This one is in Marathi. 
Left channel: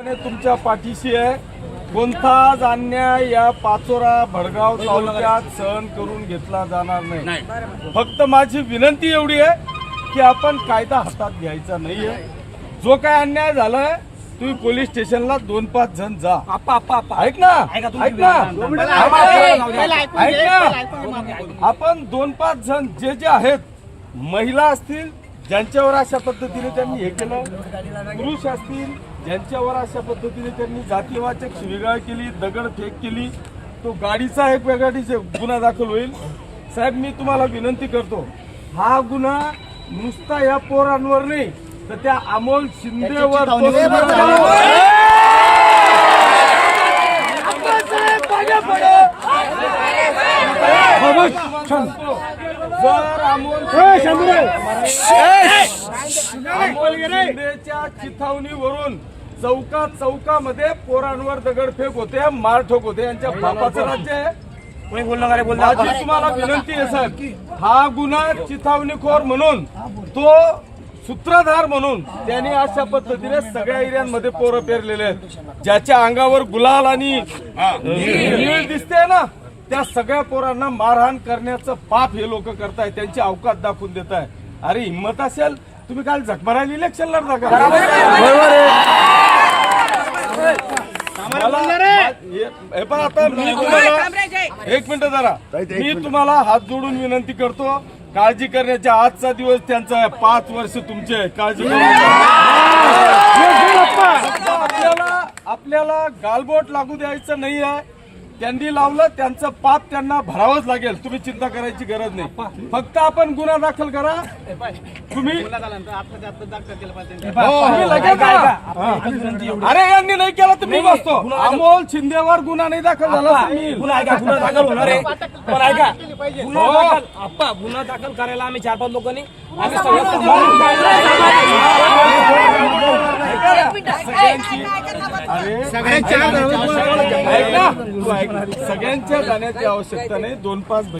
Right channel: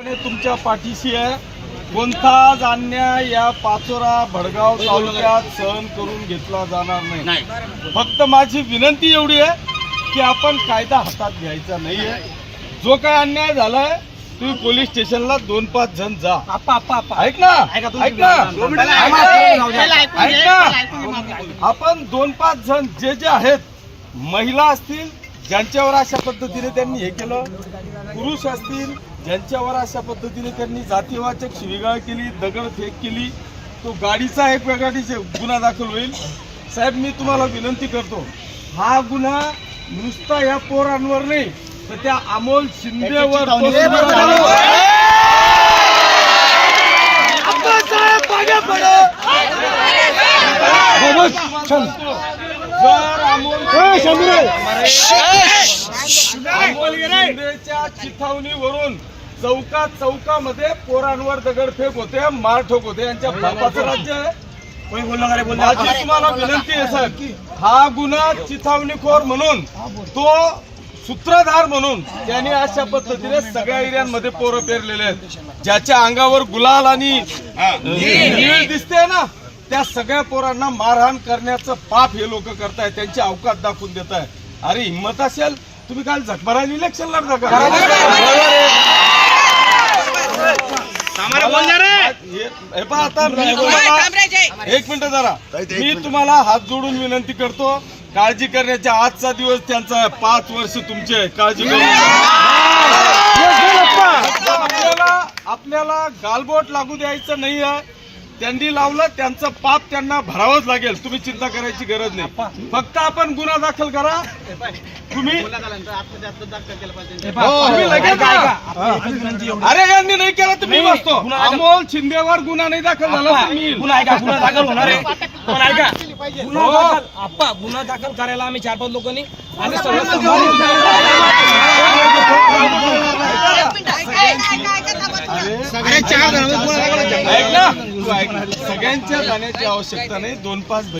तुमच्या पाठीशी आहे. कोणताच अन्याय या पाचोरा भडगाव तालुक्यात सहन करून घेतला जाणार नाही. फक्त माझी विनंती एवढी आहे की आपण कायदा हातात घ्यायचा नाहीये. जो काय अन्याय झालाय तुम्ही पोलीस स्टेशनला 2-5 जण जा. ऐक ना आपण 2-5 जण जे आहेत, महिला असतील ज्यांच्यावर अशा पद्धतीने त्यांनी हे केलं, पुरुष असतील ज्यांच्यावर अशा पद्धतीने त्यांनी जातीवाचक शिवीगाळ केली, दगडफेक केली, तो गाडीचा एक वेगळा गुन्हा दाखल होईल. साहेब मी तुम्हाला विनंती करतो, हा गुन्हा नुसता या पोरांवर नाही तर त्या अमोल शिंदेवर जर अमोल शिंदेच्या चिथावणीवरून चौकामध्ये पोरांवर दगडफेक होते, मारठोक होते, यांच्या बापाचं राज्य आहे. माझी तुम्हाला विनंती आहे साहेब, हा गुन्हा चिथावणीखोर म्हणून, तो सूत्रधार म्हणून त्यांनी अशा पद्धतीने सगळ्या एरियांमध्ये पोरं पेरलेले आहेत. ज्याच्या अंगावर गुलाल आणि नीळ दिसते ना, त्या सगळ्या पोरांना मारहाण करण्याचं पाप हे लोक करतायत. त्यांची अवकात दाखवून देत आहे. अरे हिंमत असेल तुम्ही काल झकमारायला इलेक्शन लढता का? आता मी तुम्हाला एक मिनिट जरा, मी तुम्हाला हात जोडून विनंती करतो, काळजी करण्याचा आजचा दिवस त्यांचा आहे. 5 वर्ष तुमचे, काळजी करू. आपल्याला गालबोट लागू द्यायचं नाही आहे. त्यांनी लावलं त्यांचं पाप त्यांना भरावंच लागेल. तुम्ही चिंता करायची गरज नाही. फक्त आपण गुन्हा दाखल करा. तुम्ही लगेच अरे यांनी नाही केला तर मी बसतो. अमोल शिंदेवर गुन्हा नाही दाखल झाला तर मी गुन्हा दाखल होणार आहे. पण ऐका, गुन्हा दाखल करायला आम्ही 4-5 लोकांनी आम्ही ऐक ना, तू ऐक, सगळ्यांच्या जाण्याची आवश्यकता नाही. 2-5